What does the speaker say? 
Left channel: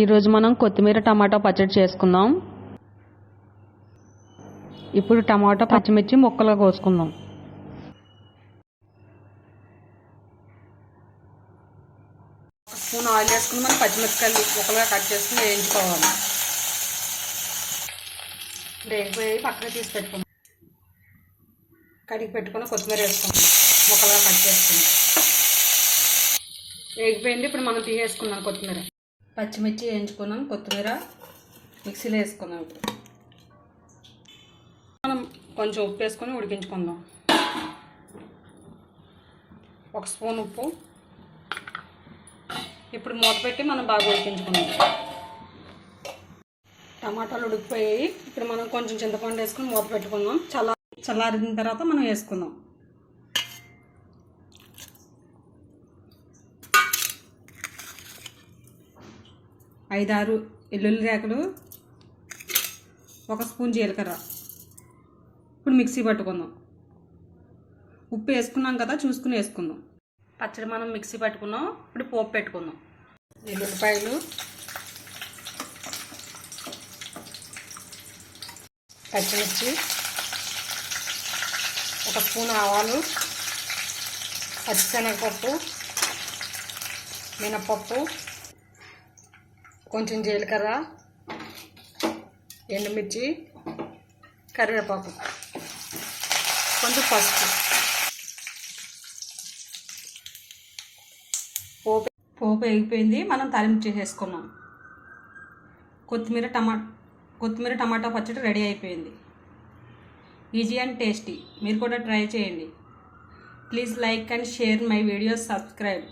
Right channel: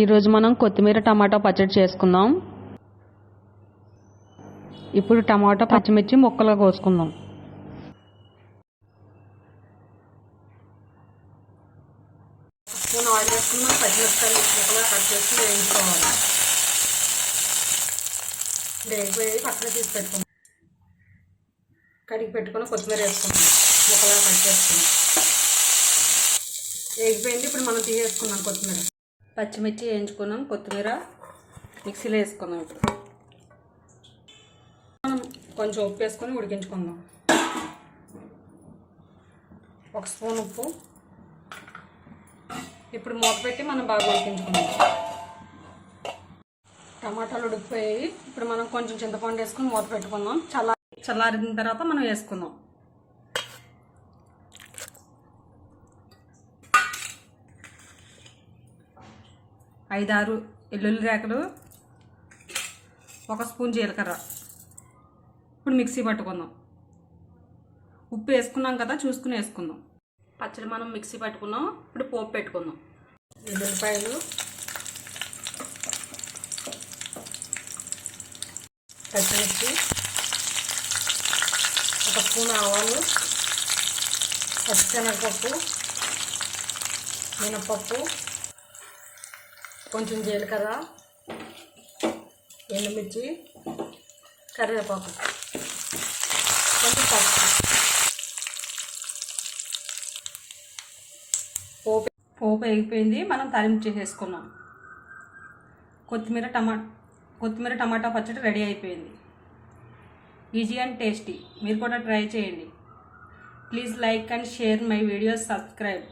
ఈరోజు మనం కొత్తిమీర టమాటా పచ్చడి చేసుకుందాం. ఇప్పుడు టమాటా పచ్చిమిర్చి ముక్కలుగా కోసుకుందాం. స్పూన్ ఆయిల్ వేసుకుని మనం పచ్చిమిరపకాయలు ముక్కలుగా కట్ చేసుకుని వేయించుకోవాలి. వేగిపోయి పక్కన తీసి పెట్టుకుందాం. కడిగి పెట్టుకుని కొత్తిమీర వేసుకుందాం. ముక్కలుగా కట్ చేసుకుని వేగిపోయింది. ఇప్పుడు మనం తీసేసుకున్నాం కొత్తిమీర. పచ్చిమిర్చి వేయించుకున్నాం. కొత్తిమీర మిక్సీలో వేసుకున్నాం. ఇప్పుడు మనం కొంచెం ఉప్పు వేసుకొని ఉడికించుకుందాం. 1 స్పూన్ ఉప్పు. ఇప్పుడు మూత పెట్టి మనం బాగా ఉడికించుకుందాం. టమాటాలు ఉడికిపోయాయి. ఇప్పుడు మనం కొంచెం చింతపండు వేసుకొని మూత పెట్టుకుందాం. చల్లారిన తర్వాత మనం వేసుకుందాం. ఐదు 6 వెల్లుల్లి రేకలు, 1 స్పూన్ జీలకర్ర. ఇప్పుడు మిక్సీ పట్టుకుందాం. ఉప్పు వేసుకున్నాం కదా, చూసుకుని వేసుకుందాం. పచ్చడి మనం మిక్సీ పట్టుకున్నాం. ఇప్పుడు పోపు పెట్టుకుందాం. ఎల్లుల్లిపాయలు, పచ్చిమిర్చి, 1 స్పూన్ ఆవాలు, పచ్చిశనగపప్పు, మినపప్పు, కొంచెం జీలకర్ర, ఎండుమిర్చి, కరివేపాకు, కొంచెం పసుపు. పోపు వేగిపోయింది. మనం తాలింపు చేసేసుకున్నాం. కొత్తిమీర టమాటా పచ్చడి రెడీ అయిపోయింది. Easy and tasty. మీరు కూడా ట్రై చేయండి. Please like and share my videos. Subscribe.